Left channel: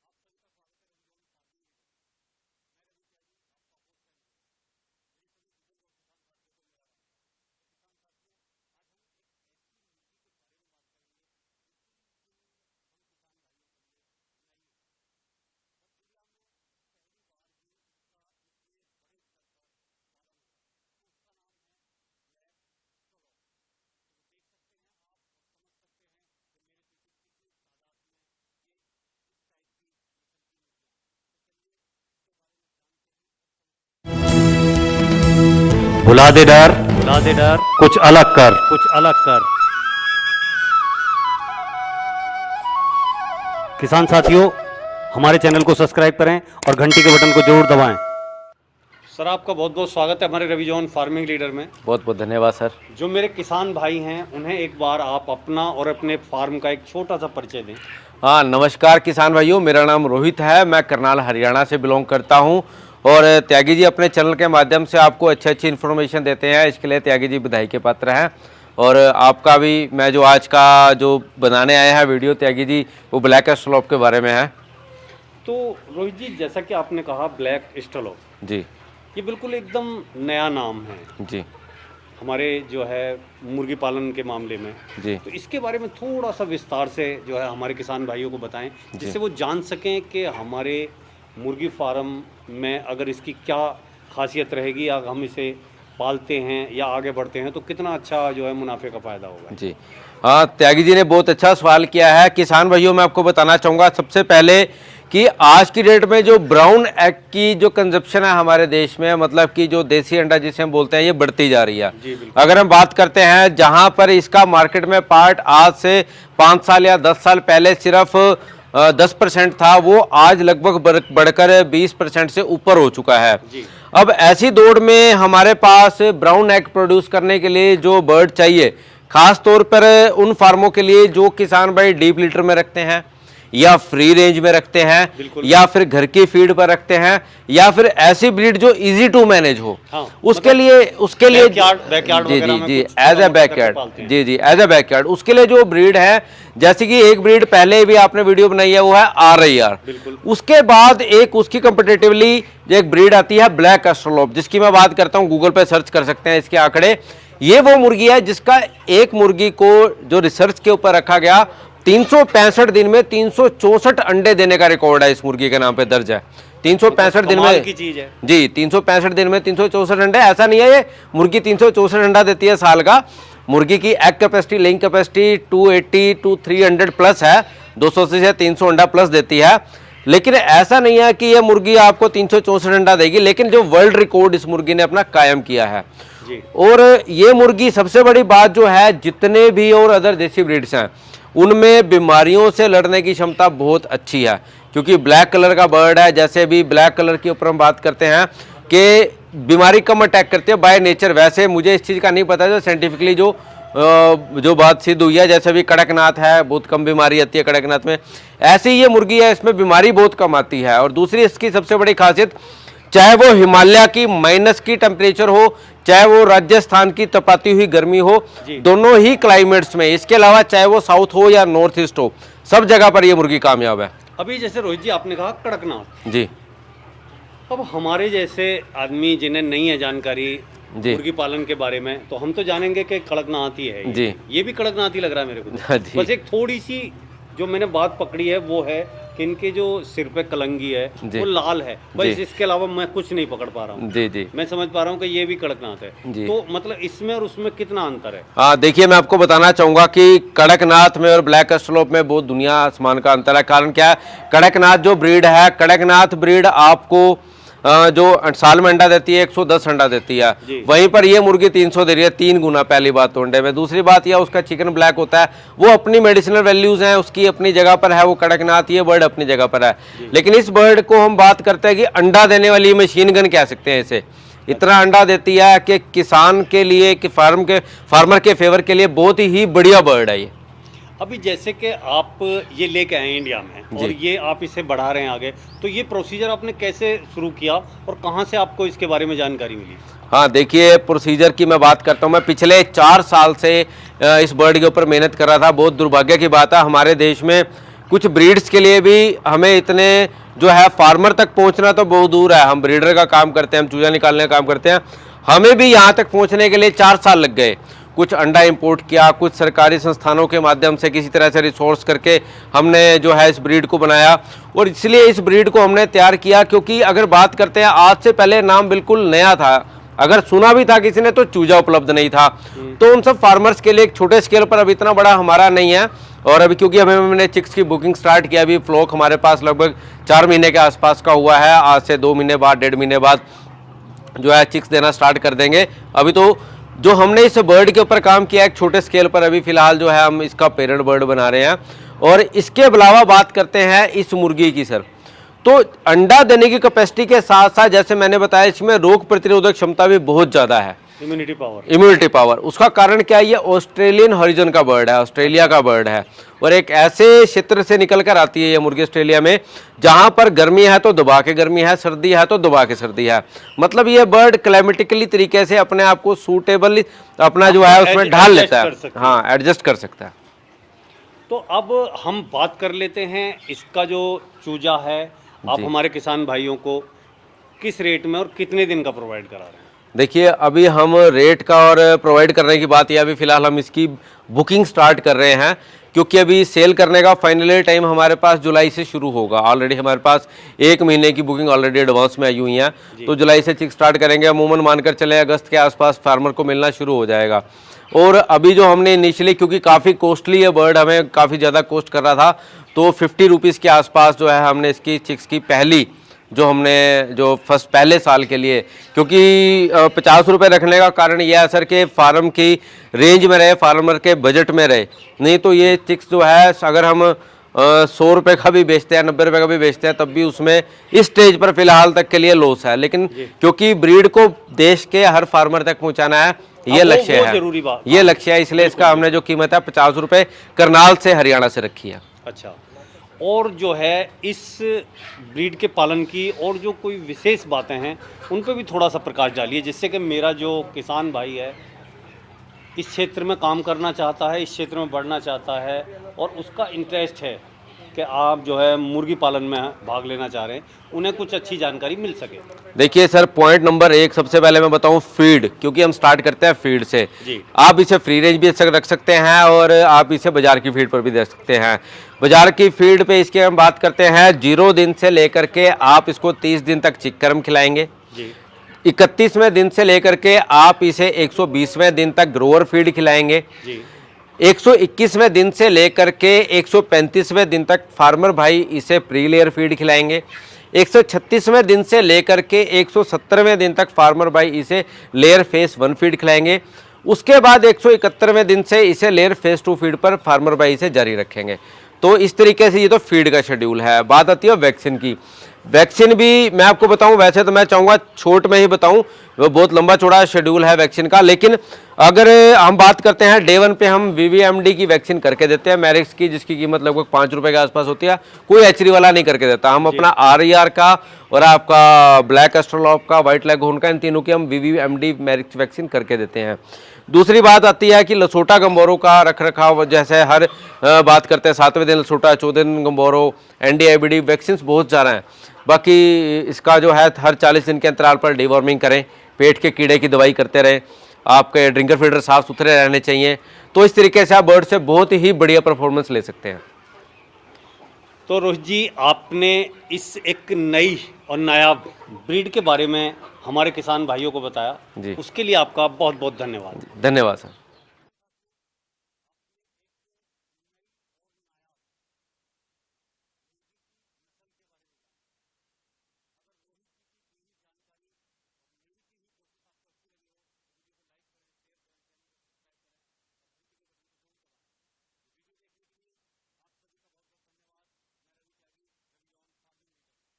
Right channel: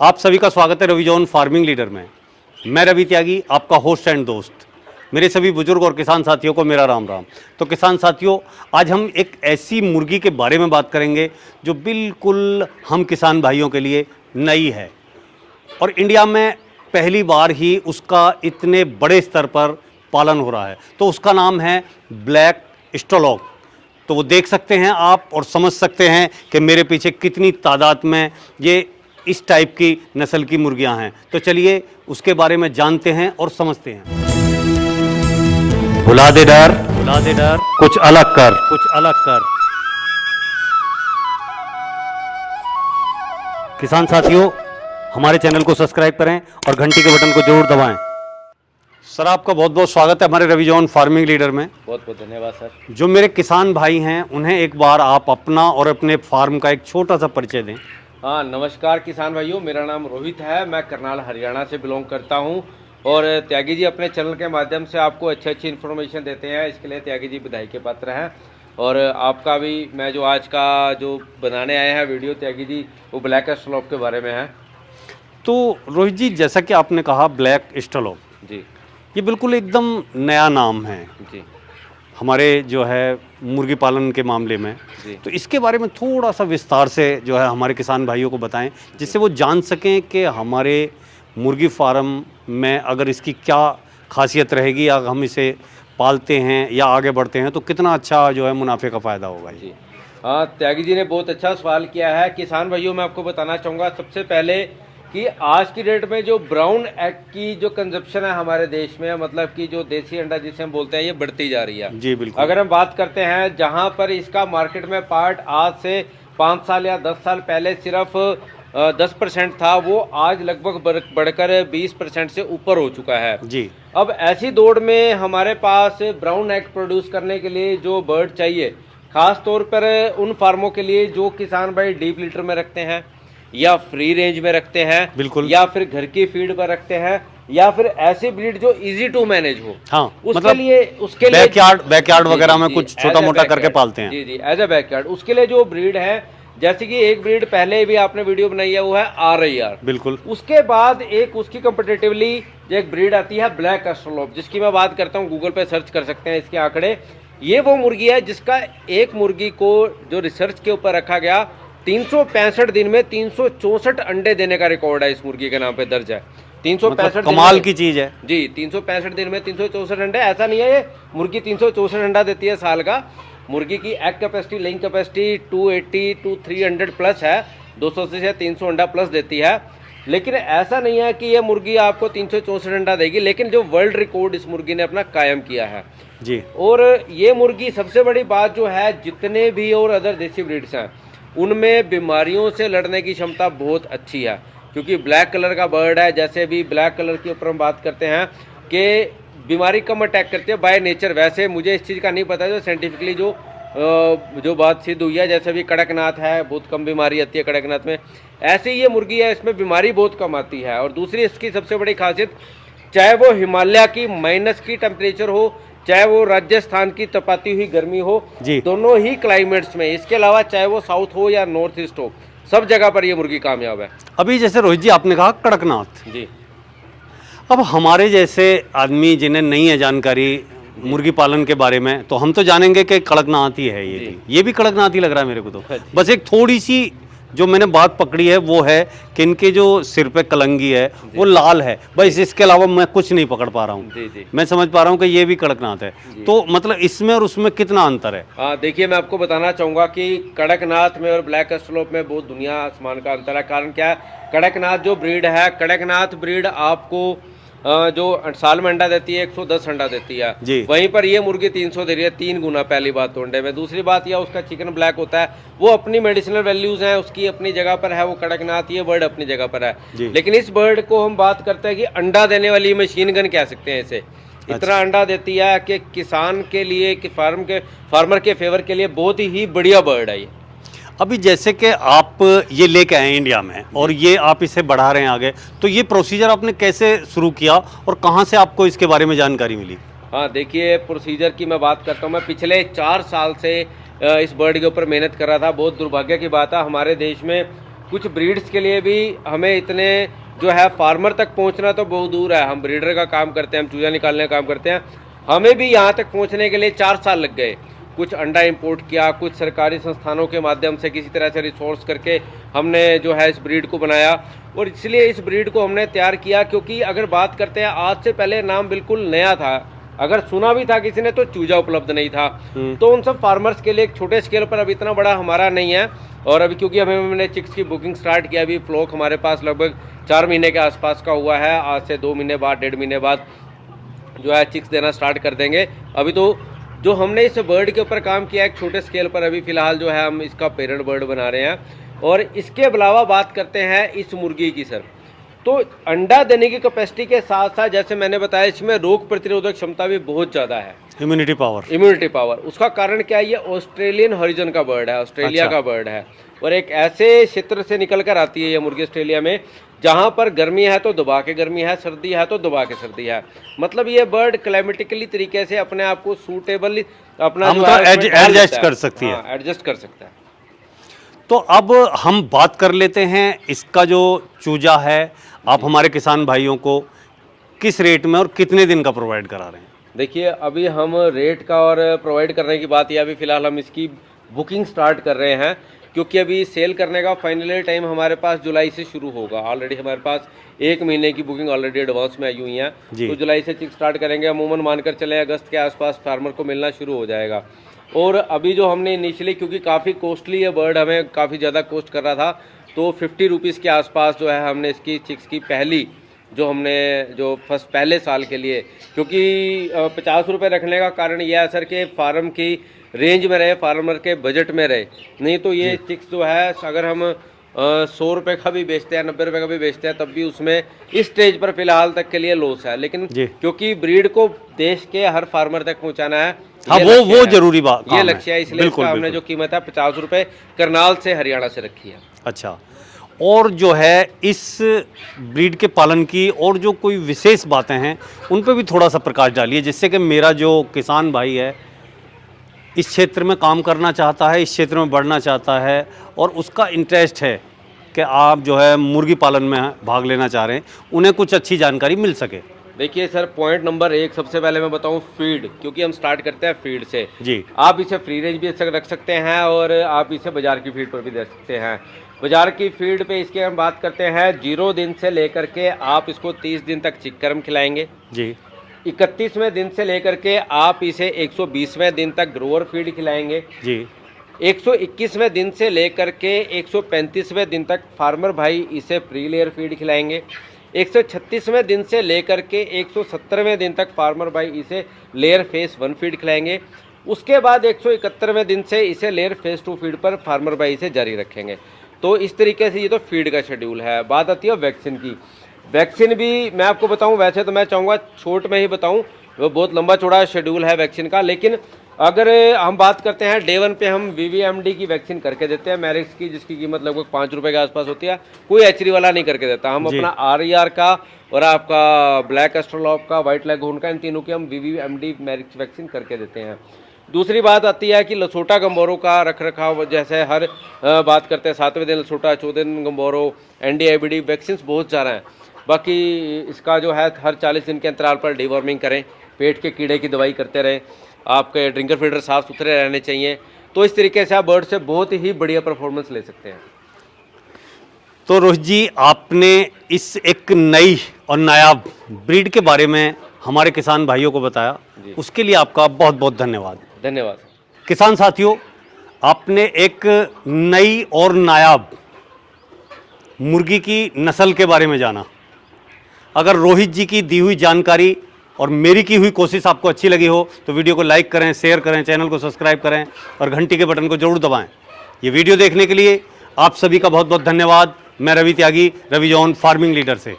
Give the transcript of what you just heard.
आप सभी का स्वागत है रवि जॉन फार्मिंग लीडर में। मैं रवि त्यागी, आपका होस्ट एंड दोस्त। मेरे सभी बुजुर्ग और किसान साथियों को मेरा राम राम। तो किसान साथियों, आज हम एक ऐसी मुर्गी के बारे में बात करेंगे जो बिल्कुल हम किसान भाइयों के लिए नई है और इंडिया में पहली बार ही उसका इतने बड़े स्तर पर पालन हो रहा है। तो उसका नाम है ब्लैक स्टोलॉग। तो वो देख सकते हैं आप और समझ सकते हैं कि मेरे पीछे कितनी तादाद में ये इस टाइप की नस्ल की मुर्गियां हैं। तो चलिए उसके बारे में जानते हैं और समझते हैं। भुला दे डर, कुछ अलग कर। किसान साथियों, हमारे चैनल को सब्सक्राइब करें और घंटी के बटन को जरूर दबाएं। सर, आपका बहुत बहुत स्वागत है हमारे रवि जॉन फार्मिंग लीडर में। बहुत बहुत धन्यवाद सर। जो मेरे किसान भाई हैं उन्हें एक बार आप अपना और अपने फार्म का एक छोटा सा परिचय दें। हाँ, नमस्कार किसान भाइयों, मेरा नाम रोहित है। मैं करनाल हरियाणा से बिलोंग करता हूँ और त्यागी जी अपने चैनल के माध्यम से आपको अच्छी इन्फॉर्मेशन देते हैं, इसके लिए त्यागी जी बधाई के पात्र हैं। और आपका भी मैं जो आज का जो बनाने आए हैं वीडियो त्यागी जी, वो ब्लैक स्टोलॉग के बारे में है। तो रोहित जी, जैसा कि आपने कहा ब्लैक स्टोलॉग जी, ये बिल्कुल एकदम नया नाम है जी हमारे जो है मुर्गी पालन के मामले में जी। तो इसके बारे में थोड़ा सा विस्तार से जो है हमारे किसान भाइयों को बताएं, जिससे वो जान सकें कि हमारे मुर्गी फार्म में अगर इसकी क्या खासियत रहेगी, अगर हम इसे पालते हैं या आगे बढ़ते हैं तो कितना अच्छा जो है मुनाफे का फ़ायदा होगा। जी हाँ, त्यागी जी ने बहुत अच्छा सवाल किया है। किसान भाइयों, मैं आपको बताना चाहूँगा सबसे पहले कि आज की डेट में जो ब्राउन एग की जो कंजप्शन है हमारे देश में, मतलब कि जो देसी अंडा जिसे हम बोलते हैं, ये बढ़ती जा रही है। जी बिल्कुल। अगर हम बात करते हैं जहां पर इसका मार्केट में पार्ट आज से 5 साल या 10 साल पहले सिर्फ 10% था, वो आज लगभग बढ़कर 20% से ऊपर हो चुका है जी। अब ऐसी दौड़ में हमारे पास ब्राउन एग प्रोड्यूस करने के लिए जो बर्ड चाहिए, खास तौर पर उन फार्मों के लिए जो किसान भाई डीप लीटर में रखते हैं या फ्री रेंज में रखते हैं, बिल्कुल, या फिर घर की फीड पर रखते हैं, या फिर ऐसी ब्रीड जो इजी टू मैनेज हो। हाँ, उसके लिए बैकयार्ड वगैरह में कुछ छोटा मोटा करके पालते हैं। जी जी, एज ए बैकयार्ड। उसके लिए जो ब्रीड है, जैसे कि एक ब्रीड पहले भी आपने वीडियो बनाई है, वो है RIR। बिल्कुल। उसके बाद एक उसकी कंपेटिटिवली एक ब्रीड आती है ब्लैक स्टोलॉग, जिसकी मैं बात करता हूँ, गूगल पे सर्च कर सकते हैं इसके आंकड़े। ये वो मुर्गी है जिसका एक मुर्गी को जो रिसर्च के ऊपर रखा गया, 365 दिन में 364 अंडे देने का रिकॉर्ड है इस मुर्गी के नाम पे दर्ज है। 365 दिन कमाल की चीज है जी। 365 दिन में 364 अंडे, ऐसा नहीं है ये मुर्गी 364 अंडा देती है साल का। मुर्गी की egg capacity, laying capacity 280 to 300 plus है, 280 से 300 अंडा प्लस देती है। लेकिन ऐसा नहीं है कि यह मुर्गी आपको 364 अंडा देगी, लेकिन जो वर्ल्ड रिकॉर्ड इस मुर्गी ने अपना कायम किया है जी। और ये मुर्गी, सबसे बड़ी बात जो है, जितने भी और अदर देसी ब्रीड्स हैं उनमें बीमारियों से लड़ने की क्षमता बहुत अच्छी है, क्योंकि ब्लैक कलर का बर्ड है। जैसे भी ब्लैक कलर के ऊपर हम बात करते हैं कि बीमारी कम अटैक करती है बाय नेचर। वैसे मुझे इस चीज़ का नहीं पता है साइंटिफिकली जो बात सिद्ध हुई है, जैसे भी कड़कनाथ है, बहुत कम बीमारी आती है कड़कनाथ में, ऐसे ही ये मुर्गी है, इसमें बीमारी बहुत कम आती है। और दूसरी इसकी सबसे बड़ी खासियत, चाहे वो हिमालय की माइनस की टेम्परेचर हो, चाहे वो राजस्थान की तपाती हुई गर्मी हो, दोनों ही क्लाइमेट्स में, इसके अलावा चाहे वो साउथ हो या नॉर्थ ईस्ट हो, सब जगह पर ये मुर्गी कामयाब है। अभी जैसे रोहित जी आपने कहा कड़कनाथ जी। अब हमारे जैसे आदमी जिन्हें नहीं है जानकारी मुर्गी पालन के बारे में, तो हम तो जानेंगे कि कड़कनाथ ही है ये भी कड़कनाथ ही लग रहा है मेरे को तो। बस एक थोड़ी सी जो मैंने बात पकड़ी है वो है कि इनके जो सिर पे कलंगी है वो लाल है, बस इसके अलावा मैं कुछ नहीं पकड़ पा रहा हूँ। जी जी, मैं समझ पा रहा हूँ कि ये भी कड़कनाथ है। तो मतलब इसमें और उसमें कितना अंतर है? देखिए, मैं आपको बताना चाहूंगा कि कड़कनाथ में और ब्लैक स्टोलॉग में बहुत दुनिया आसमान का अंतर है। कारण क्या है, कड़कनाथ जो ब्रीड है, कड़कनाथ ब्रीड आपको जो साल में अंडा देती है 110 अंडा देती है, वहीं पर ये मुर्गी 300 दे रही है, 3 गुना। पहली बात तो अंडे में। दूसरी बात यह, उसका चिकन ब्लैक होता है, वो अपनी मेडिसिनल वैल्यूज हैं, उसकी अपनी जगह पर है वो कड़कनाथ, ये बर्ड अपनी जगह पर है। लेकिन इस बर्ड को हम बात करते हैं कि अंडा देने वाली मशीन गन कह सकते हैं इसे। इतना अंडा देती है कि किसान के लिए, कि फार्मर के फेवर के लिए बहुत ही बढ़िया बर्ड है ये। अभी जैसे कि आप ये लेके आए इंडिया में और ये आप इसे बढ़ा रहे हैं आगे, तो ये प्रोसीजर आपने कैसे शुरू किया और कहाँ से आपको इसके बारे में जानकारी मिली? हाँ, देखिए, प्रोसीजर की मैं बात करता हूँ। मैं पिछले 4 साल से इस बर्ड के ऊपर मेहनत कर रहा था। बहुत दुर्भाग्य की बात है, हमारे देश में कुछ ब्रीड्स के लिए भी हमें इतने जो है फार्मर तक पहुंचना तो बहुत दूर है। हम ब्रीडर का काम करते हैं, हम चूजा निकालने का काम करते हैं, हमें भी यहाँ तक पहुंचने के लिए 4 साल लग गए। कुछ अंडा इंपोर्ट किया, कुछ सरकारी संस्थानों के माध्यम से किसी तरह से रिसोर्स करके हमने जो है इस ब्रीड को बनाया। और इसलिए इस ब्रीड को हमने तैयार किया क्योंकि अगर बात करते हैं आज से पहले नाम बिल्कुल नया था, अगर सुना भी था किसी ने तो चूजा उपलब्ध नहीं था। तो उन सब फार्मर्स के लिए एक छोटे स्केल पर अब इतना बड़ा हमारा नहीं है। और अभी क्योंकि हमने चिक्स की बुकिंग स्टार्ट किया, अभी फ्लॉक हमारे पास लगभग 4 महीने के आसपास का हुआ है। आज से 2 महीने बाद, 1.5 महीने बाद जो है चिक्स देना स्टार्ट कर देंगे। अभी तो जो हमने इस बर्ड के ऊपर काम किया एक छोटे स्केल पर, अभी फिलहाल जो है हम इसका पेरेंट बर्ड बना रहे हैं। और इसके अलावा बात करते हैं इस मुर्गी की सर, तो अंडा देने की कैपेसिटी के साथ साथ जैसे मैंने बताया इसमें रोग प्रतिरोधक क्षमता भी बहुत ज़्यादा है। इम्यूनिटी पावर, उसका कारण क्या है, ये ऑस्ट्रेलियन हॉरिजन का बर्ड है, ऑस्ट्रेलिया का बर्ड है। और एक ऐसे क्षेत्र से निकल कर आती है ये मुर्गी ऑस्ट्रेलिया में जहां पर गर्मी है तो दबा के गर्मी है, सर्दी है तो दबा के सर्दी है। मतलब ये बर्ड क्लाइमेटिकली तरीके से अपने आप को सूटेबल अपना जो है एडजस्ट कर सकती है। हाँ, एडजस्ट कर सकता है। तो अब हम बात कर लेते हैं इसका जो चूजा है, आप हमारे किसान भाइयों को किस रेट में और कितने दिन का प्रोवाइड करा रहे हैं? देखिए अभी हम रेट का और प्रोवाइड करने की बात, या अभी फिलहाल हम इसकी बुकिंग स्टार्ट कर रहे हैं क्योंकि अभी सेल करने का फाइनली टाइम हमारे पास जुलाई से शुरू होगा। ऑलरेडी हमारे पास 1 महीने की बुकिंग ऑलरेडी एडवांस में आई हुई है, तो जुलाई से चिक स्टार्ट करेंगे। अमूमन मानकर चले अगस्त के आसपास फार्मर को मिलना शुरू हो जाएगा। और अभी जो हमने इनिशियली, क्योंकि काफ़ी कॉस्टली ये बर्ड हमें काफ़ी ज़्यादा कॉस्ट कर रहा था, तो 50 रुपीज़ के आसपास जो है हमने इसकी चिक्स की पहली जो हमने जो फर्स्ट पहले साल के लिए, क्योंकि 50 रुपये रखने का कारण यह है सर कि फार्म की रेंज में रहे, फार्मर के बजट में रहे। नहीं तो ये चिक्स जो है अगर हम 100 रुपये का भी बेचते हैं, 90 रुपये का भी बेचते हैं, तब भी उसमें इस स्टेज पर फिलहाल तक के लिए लॉस है। लेकिन क्योंकि ब्रीड को देश के हर फार्मर तक पहुंचाना है, ये लक्ष्य है, जरूरी बात, ये लक्ष्य है, इसलिए इसका हमने जो कीमत है 50 रुपये करनाल से हरियाणा से रखी है। अच्छा, और जो है इस ब्रीड के पालन की और जो कोई विशेष बातें हैं उन पे भी थोड़ा सा प्रकाश डालिए, जिससे कि मेरा जो किसान भाई है इस क्षेत्र में काम करना चाहता है, इस क्षेत्र में बढ़ना चाहता है और उसका इंटरेस्ट है कि आप जो है मुर्गी पालन में भाग लेना चाह रहे हैं, उन्हें कुछ अच्छी जानकारी मिल सके। देखिए सर, पॉइंट नंबर 1 सबसे पहले मैं बताऊं फीड, क्योंकि हम स्टार्ट करते हैं फीड से जी। आप इसे फ्री रेंज भी रख सकते हैं और आप इसे बाजार की फीड पर भी दे सकते हैं। बाजार की फीड पे इसके हम बात करते हैं 0 दिन से लेकर के आप इसको 30 दिन तक चिक्करम खिलाएंगे जी। 31वें दिन से लेकर के आप इसे 120वें दिन तक ग्रोअर फीड खिलाएंगे जी। 121वें दिन से लेकर के 135वें दिन तक फार्मर भाई इसे प्री लेयर फीड खिलाएंगे। 136वें दिन से लेकर के 170वें दिन तक फार्मर भाई इसे लेयर फेस 1 फीड खिलाएंगे। उसके बाद 171वें दिन से इसे लेयर फेस 2 फीड पर फार्मर भाई इसे जारी रखेंगे। तो इस तरीके से ये तो फीड का शेड्यूल है। बात आती है वैक्सीन की। वैक्सीन भी मैं आपको बताऊं, वैसे तो मैं चाहूँगा छोट में ही बताऊं, वो बहुत लंबा चौड़ा शेड्यूल है वैक्सीन का, लेकिन अगर हम बात करते हैं डे 1 पे हम VVMD की वैक्सीन करके देते हैं, मैरिक्स की, जिसकी कीमत लगभग 5 रुपये के आसपास होती है। कोई एचरी वाला नहीं करके देता, हम अपना RER का और आपका ब्लैक एस्ट्रोलॉप का, व्हाइट लेगहॉर्न का, इन तीनों की हम VVMD मैरिक्स वैक्सीन करके देते हैं। दूसरी बात आती है कि लसोटा गंबोरो का रख रखाव, जैसे हर बात करते हैं 7वें दिन लसोटा, 14वें दिन गंबोरो, NDIBD वैक्सीन बहुत ज़्यादा हैं। बाकी इसका जो है हर 40 दिन के अंतराल पर डिवॉर्मिंग करें, पेट के कीड़े की दवाई करते रहें, आपके ड्रिंकर फीडर साफ सुथरे रहने चाहिए। तो इस तरीके से आप बर्ड से बहुत ही बढ़िया परफॉर्मेंस ले सकते हैं। तो रोहित जी, आपने इस एक नई और नायाब ब्रीड के बारे में हमारे किसान भाइयों को बताया, उसके लिए आपका बहुत बहुत धन्यवाद। धन्यवाद सर। किसान साथियों, आपने एक नई और नायाब मुर्गी की नस्ल के बारे में जाना। अगर रोहित जी की दी हुई जानकारी और मेरी की हुई कोशिश आपको अच्छी लगी हो तो वीडियो को लाइक करें, शेयर करें, चैनल को सब्सक्राइब करें और घंटी के बटन को जरूर दबाएं। ये वीडियो देखने के लिए आप सभी का बहुत बहुत धन्यवाद। मैं रवि त्यागी, रवि जॉन फार्मिंग लीडर से।